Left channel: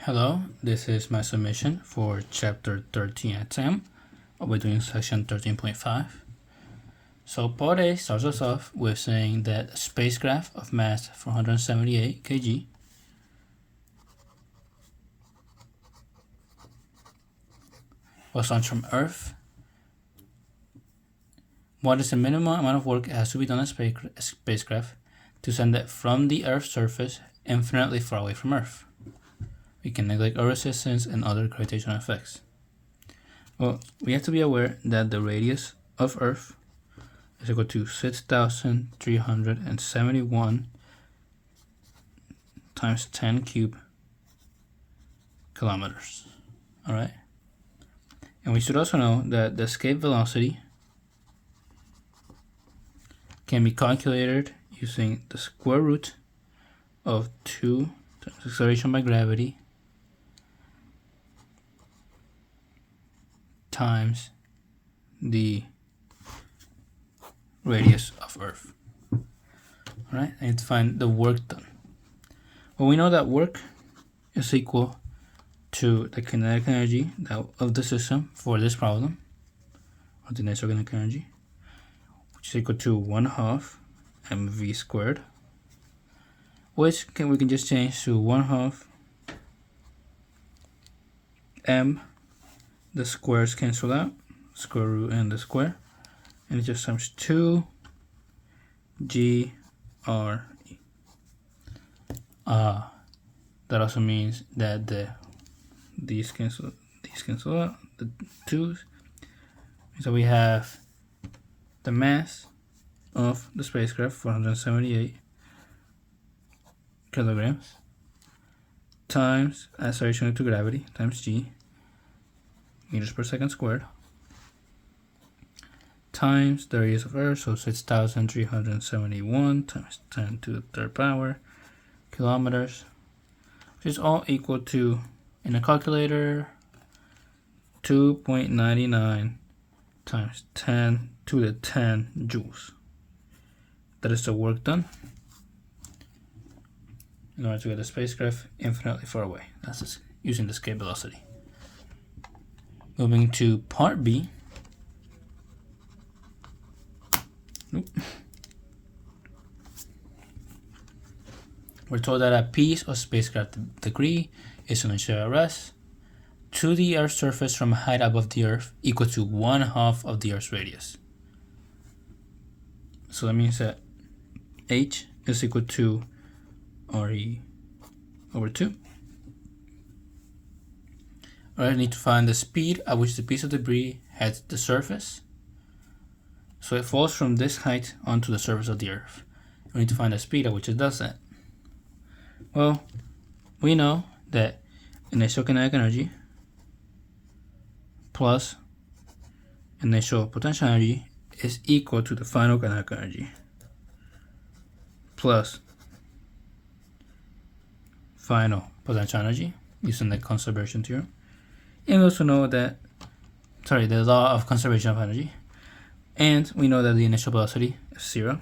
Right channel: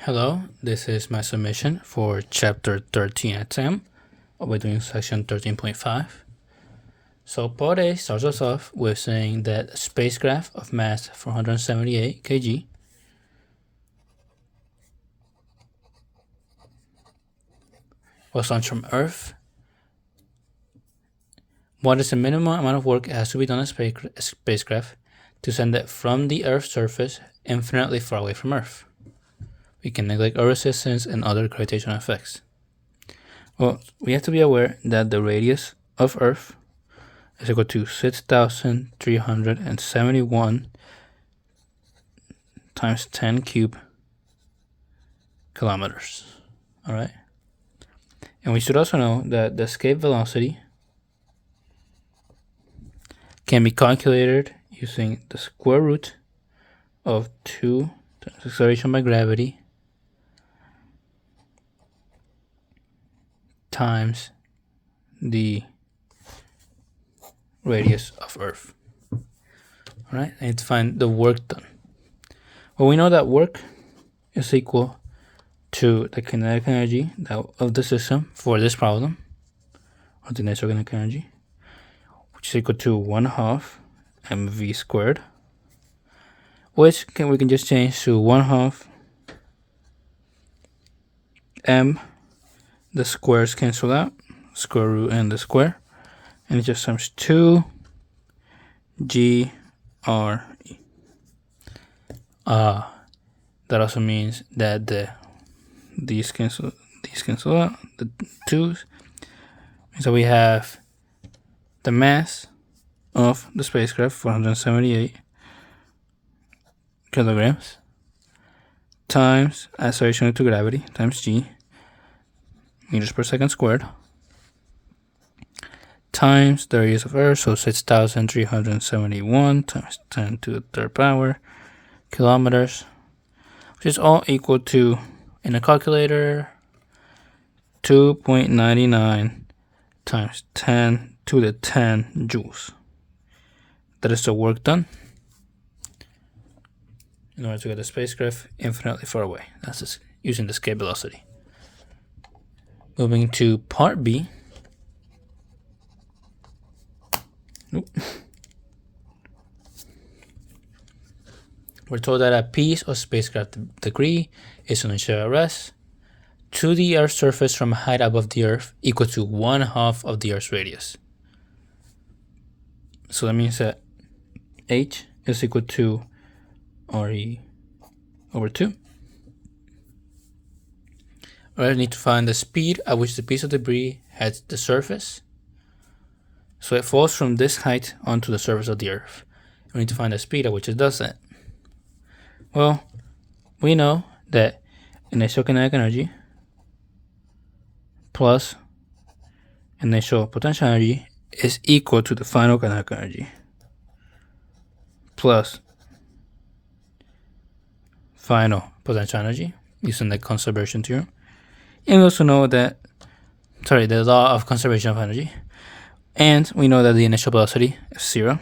Hello, this is my submission for chapter 13 at 10. We're doing section 13.5. So part A starts us off with saying that a spacecraft of mass 478 kg was launched from Earth. What is the minimum amount of work that has to be done on a spacecraft to send it from the Earth's surface infinitely far away from Earth? We can neglect Earth resistance and other gravitational effects. Well, we have to be aware that the radius of Earth is equal to 6,371 times 10 cube kilometers. All right. And we should also know that the escape velocity can be calculated using the square root of 2 times acceleration by gravity times the radius of Earth. All right, I need to find the work done. Well, we know that work is equal to the kinetic energy of the system for this problem, or the initial kinetic energy, which is equal to 1/2 mv squared, which we can just change to 1/2 m. The squares cancel out, square root and the square, and it just times 2 g r e. That also means that these cancel out, the 2's. So we have the mass of the spacecraft, 478 kilograms, times acceleration due to gravity, times g, meters per second squared, times the radius of Earth, so 6,371 times 10 to the third power kilometers, which is all equal to, in a calculator, 2.99 times 10 to the 10 joules. That is the work done in order to get the spacecraft infinitely far away. That's just using the escape velocity. Moving to part B. We're told that a piece of spacecraft degree is an initial arrest to the Earth's surface from a height above the Earth equal to 1/2 of the Earth's radius. So that means that h is equal to re over 2. I need to find the speed at which the piece of debris hits the surface. So it falls from this height onto the surface of the Earth. We need to find the speed at which it does that. Well, we know that initial kinetic energy plus initial potential energy is equal to the final kinetic energy plus final potential energy using the conservation theorem. And we also know that, the law of conservation of energy. And we know that the initial velocity is 0.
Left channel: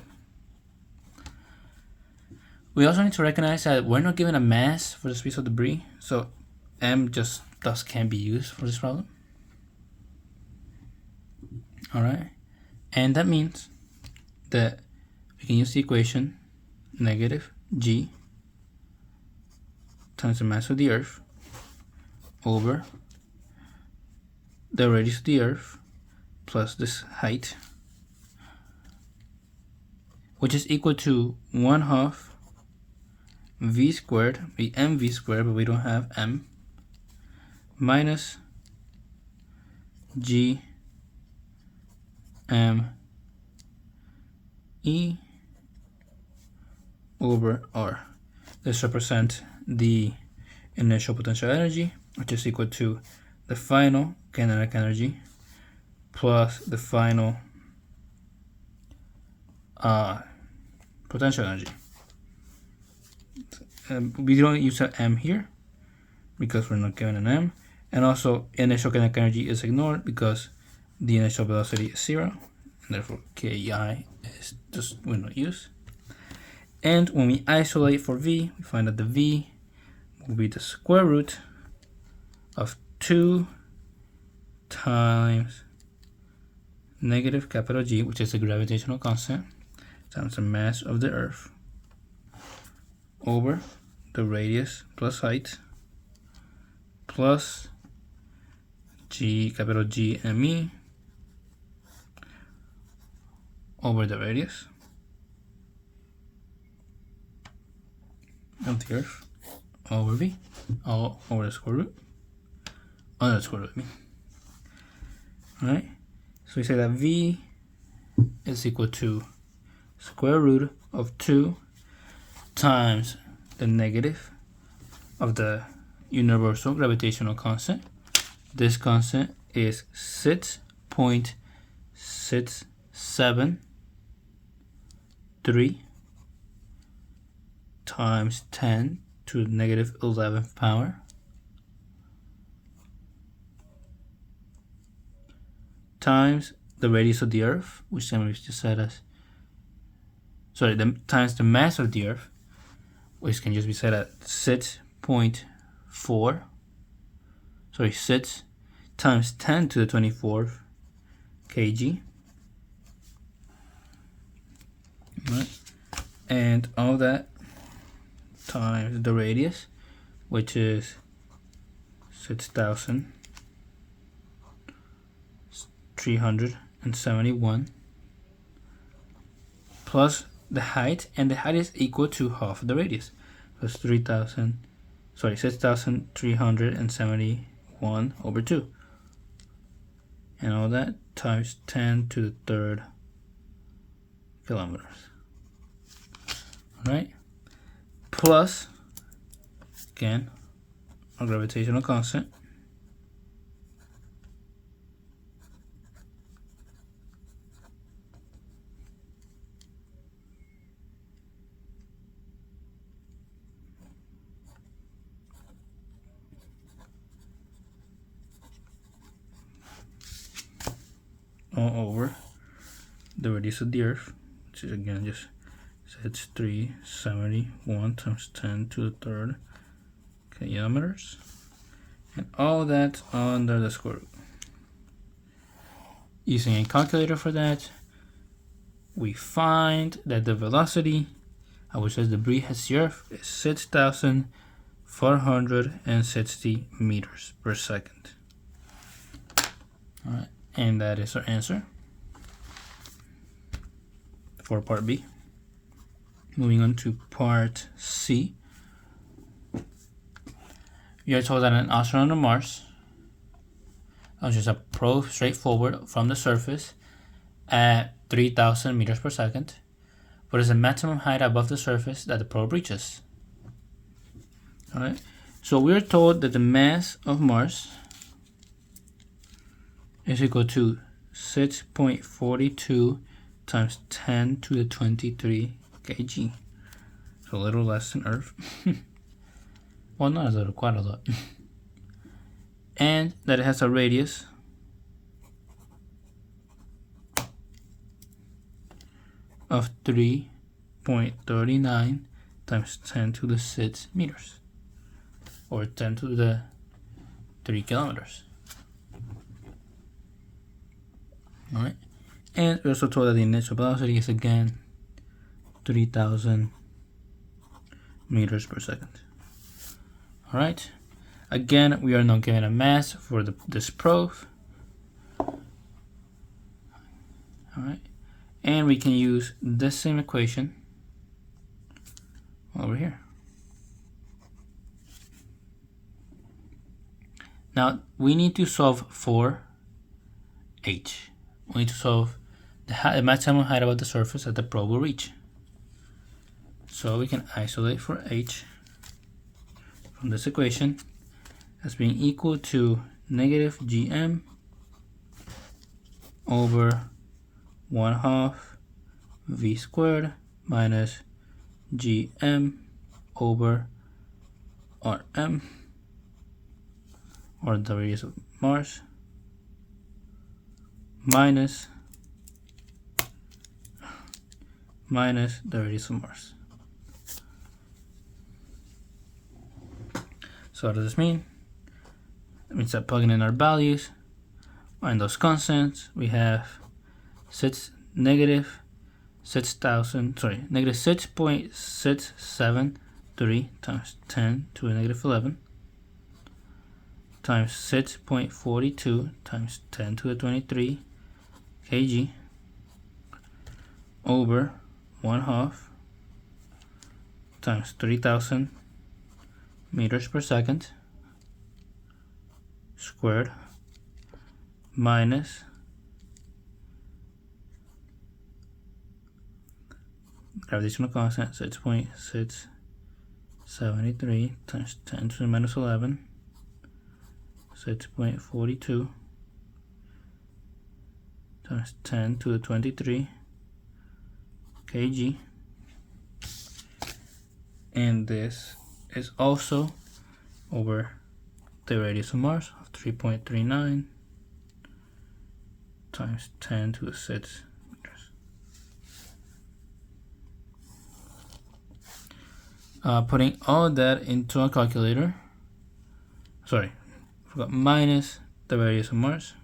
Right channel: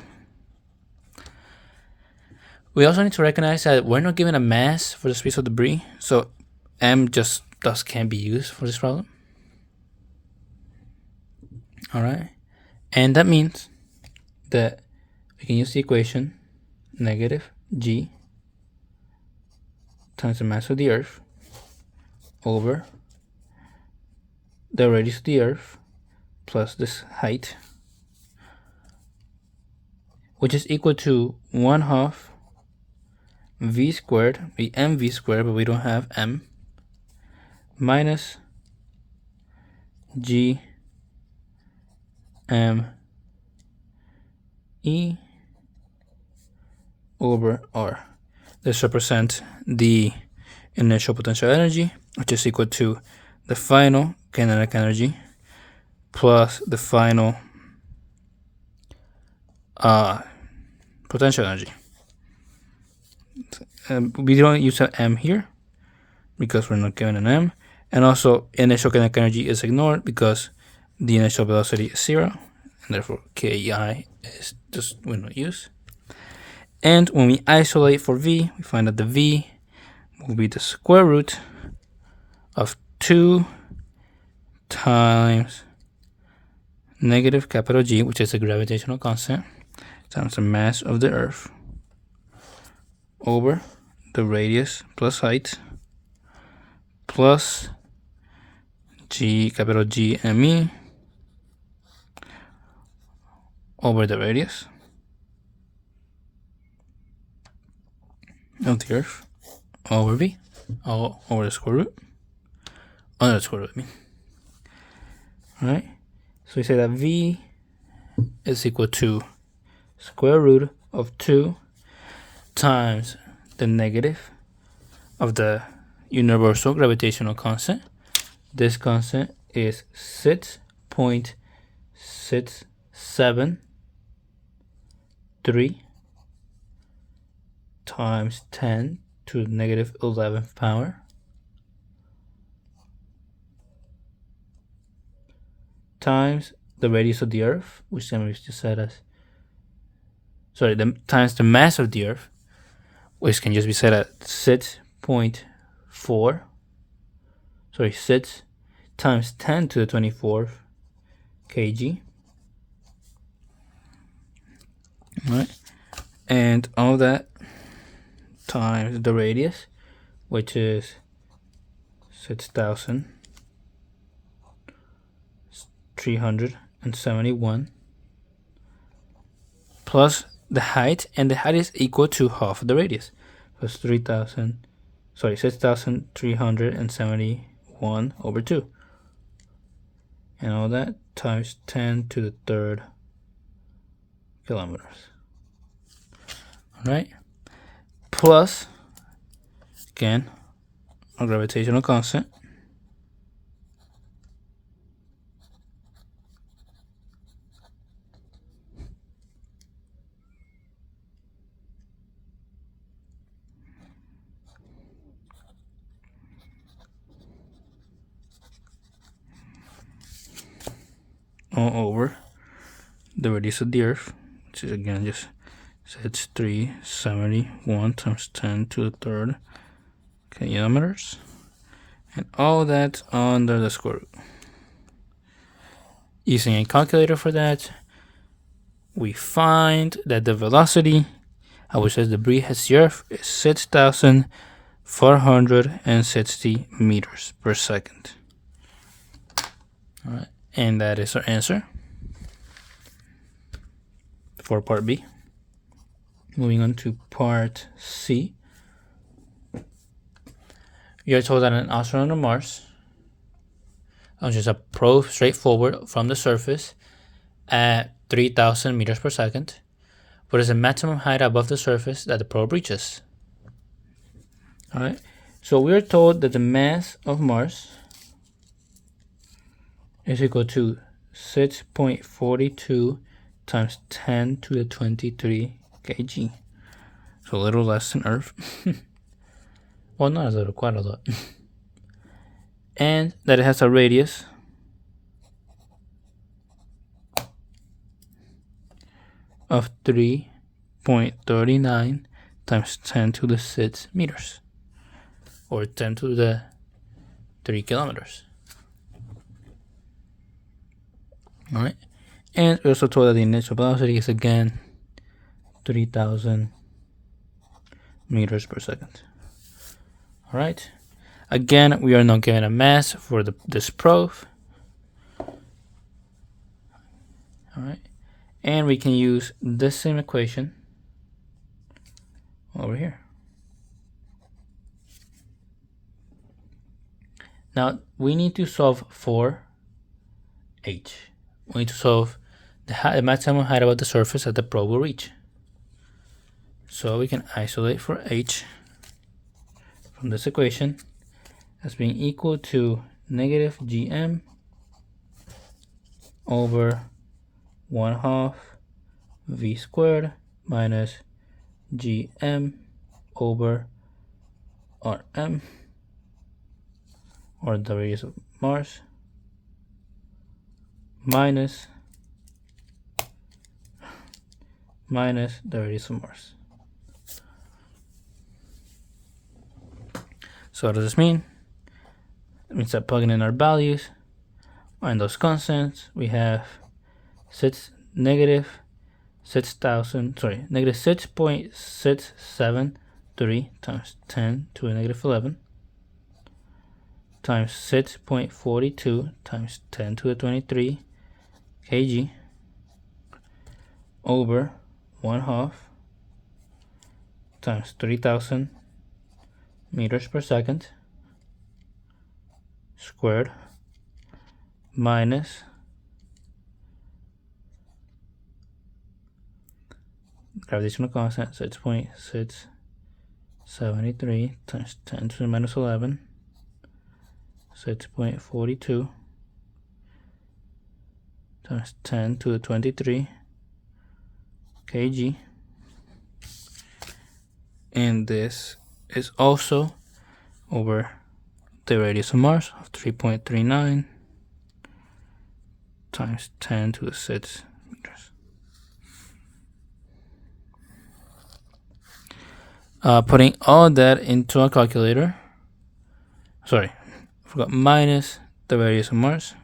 We also need to recognize that we're not given a mass for the piece of debris, so m just thus can't be used for this problem. All right, and that means that we can use the equation negative g times the mass of the Earth over the radius of the Earth plus this height, which is equal to 1/2 v squared, mv squared, but we don't have m, minus g m e over r. This represents the initial potential energy, which is equal to the final kinetic energy plus the final potential energy. We don't use an m here because we're not given an m, and also initial kinetic energy is ignored because the initial velocity is 0, and therefore KI is just we not use. And when we isolate for v, we find that the v will be the square root of 2 times negative capital G, which is the gravitational constant, times the mass of the Earth, over the radius plus height, plus G, capital G M E, over the radius of the Earth, over V, all over the square root, under the square root, I mean. Alright, so we say that V is equal to square root of 2 times the negative of the universal gravitational constant. This constant is 6.673 times 10 to the negative 11th power times the radius of the Earth, which then we just said as, times the mass of the Earth, which can just be set at 6 times 10 to the 24th kg. All right, and all that times the radius, which is 6,371, plus the height, and the height is equal to half of the radius, plus 6,371 over 2, and all that times 10 to the 3rd kilometers. All right, plus again a gravitational constant, all over the radius of the Earth, which is again just 371 times 10 to the 3rd kilometers, and all that under the square root. Using a calculator for that, we find that the velocity at which the debris hits the Earth is 6,460 meters per second. All right, and that is our answer for part B. Moving on to part C. We are told that an astronaut on Mars launches a probe straight forward from the surface at 3,000 meters per second. What is the maximum height above the surface that the probe reaches? All right, so we are told that the mass of Mars is equal to 6.42 times 10 to the 23 kg. So a little less than Earth. Well, not a little, quite a lot. And that it has a radius of 3.39 times 10 to the 6 meters, or 10 to the 3 kilometers. All right, and we're also told that the initial velocity is again 3,000 meters per second. All right, again, we are not given a mass for this probe. All right, and we can use this same equation over here. Now we need to solve for h. We need to solve the maximum height above the surface that the probe will reach. So we can isolate for h from this equation as being equal to negative gm over 1/2 v squared minus gm over rm, or the radius of Mars, minus the radius of Mars. So what does this mean? It means that plugging in our values and those constants, we have negative 6.673 times 10 to the negative 11 times 6.42 times 10 to the 23 kg over 1/2 times 3,000 meters per second squared minus gravitational constant 6.673 times 10 to the minus 11, 6.42 times 10 to the 23 kg, and this is also over the radius of Mars of 3.39 times 10 to the 6 meters. Putting all that into a calculator, sorry, I forgot, minus the radius of Mars.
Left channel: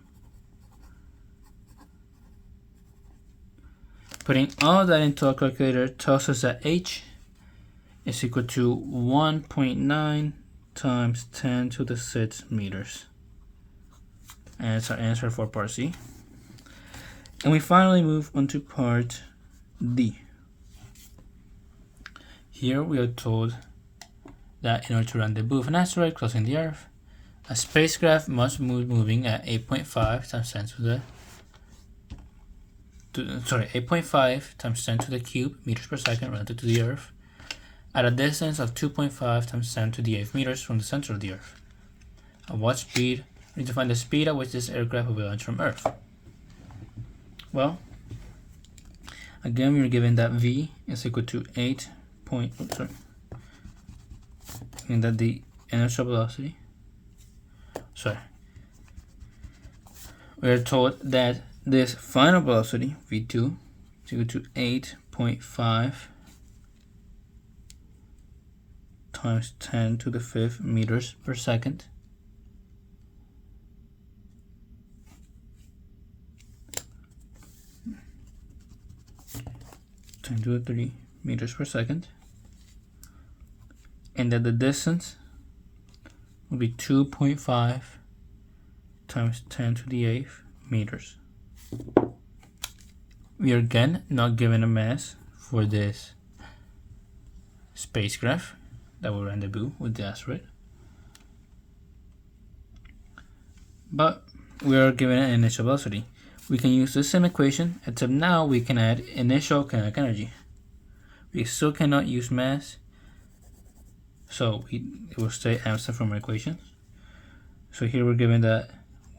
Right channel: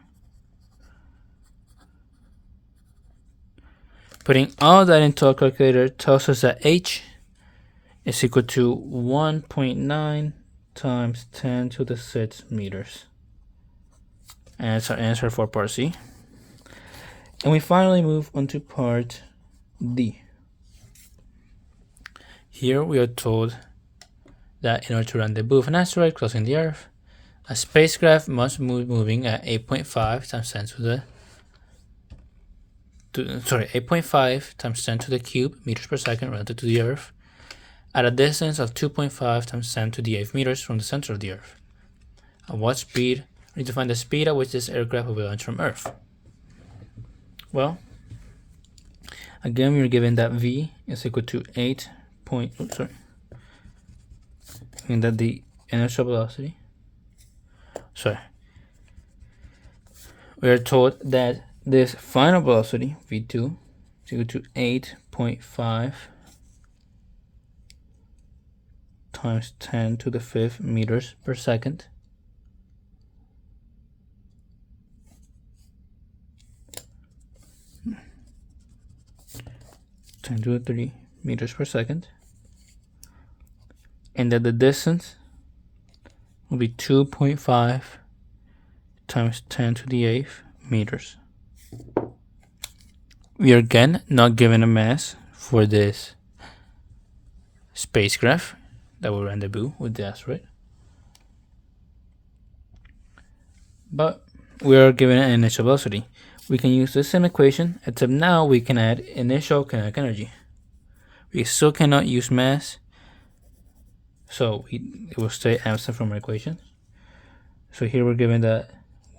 Putting all that into a calculator tells us that h is equal to 1.9 times 10 to the 6 meters. And it's our answer for part C. And we finally move on to part D. Here we are told that in order to rendezvous with an asteroid crossing the Earth, a spacecraft must move moving at 8.5 times 10 to the 8.5 times 10 to the cube meters per second relative to the Earth at a distance of 2.5 times 10 to the 8th meters from the center of the Earth. At what speed? We need to find the speed at which this aircraft will launch from Earth. Well, again, we are given that v is equal to and that the initial velocity. We are told that this final velocity v2 is equal to 8.5 times 10 to the 5th meters per second. To the 3 meters per second, and that the distance will be 2.5 times 10 to the 8th meters. We are again not given a mass for this spacecraft that will rendezvous with the asteroid, but we are given an initial velocity. We can use the same equation, except now we can add initial kinetic energy. We still cannot use mass, so it will stay absent from our equation. So here we're given that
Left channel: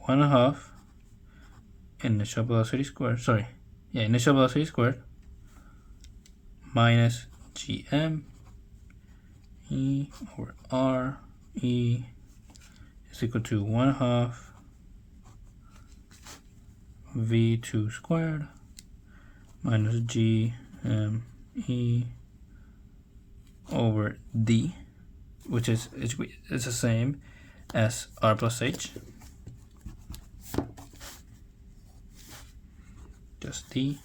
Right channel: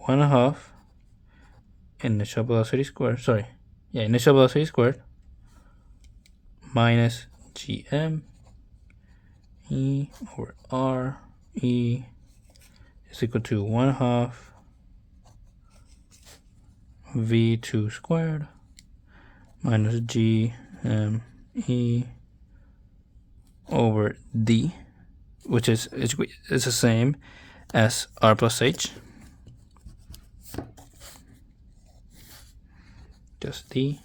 1/2 initial velocity squared, initial velocity squared minus gm e over r e is equal to 1/2 v2 squared minus g e over d, which is the same as r plus h, just d,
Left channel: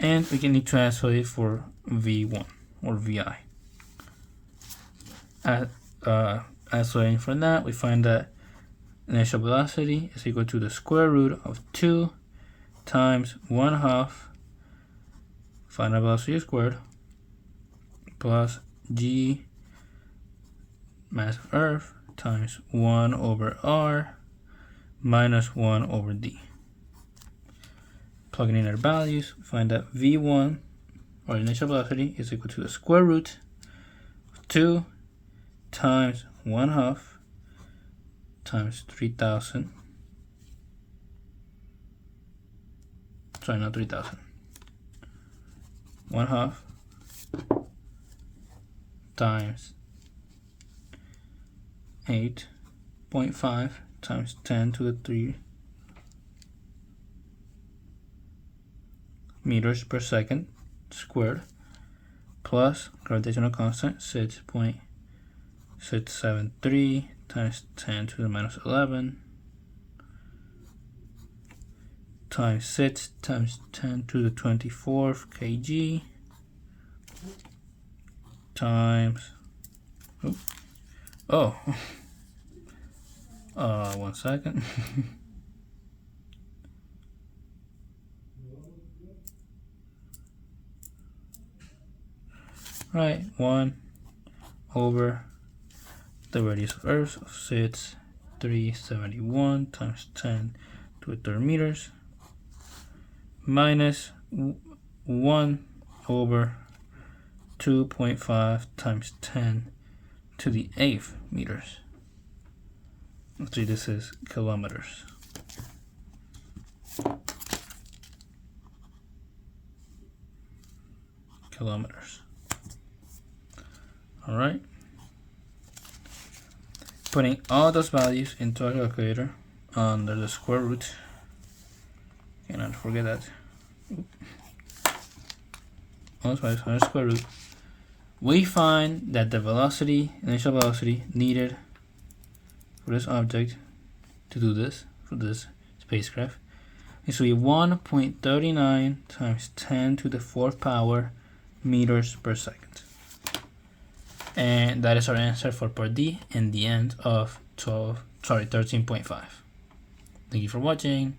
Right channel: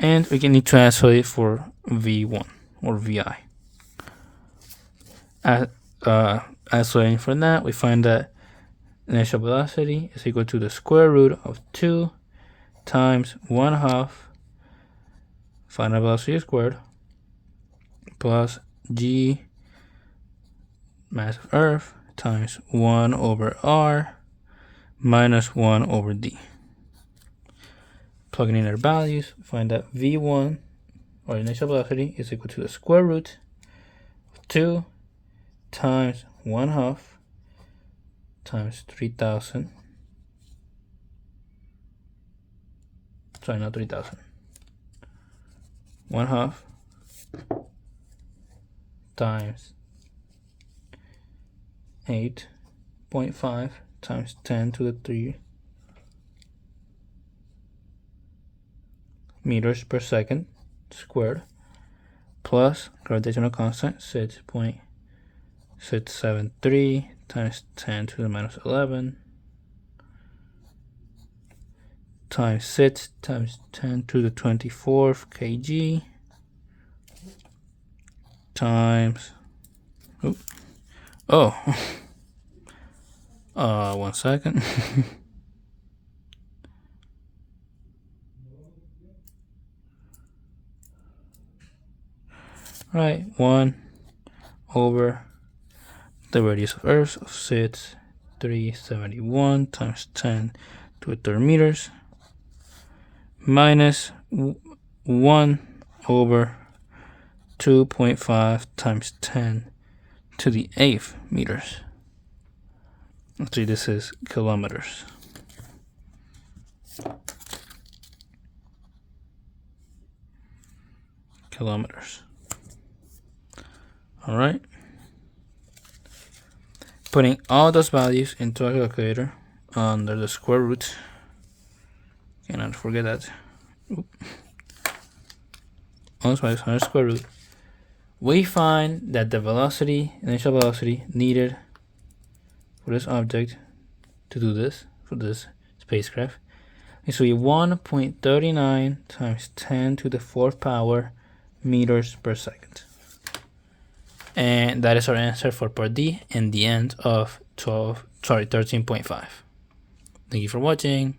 and we can need to isolate for v1 or vi. Isolating for that, we find that initial velocity is equal to the square root of 2 times 1/2 final velocity squared plus g mass of Earth times 1 over r minus 1 over d. Plugging in our values, find that v1, or initial velocity, is equal to the square root of 2 times 1/2 times 3,000. Sorry, not 3,000. 1/2 times 8.5 times 10 to the 3 meters per second squared plus gravitational constant 6.673 673 times 10 to the minus 11 times 6 times 10 to the 24th kg times, oh, 1 second. Right, 1 over the radius of Earth of 6,371 times 10 to the third meters minus 1 over 2.5 times 10 to the 8th meters. Actually, this is kilometers. Kilometers. All right. Putting all those values into a calculator under the square root. Cannot forget that. All those values under square root. We find that the velocity, initial velocity needed for this object to do this, for this spacecraft, is to be 1.39 times 10 to the 4th power meters per second. And that is our answer for part D and the end of 13.5. Thank you for watching.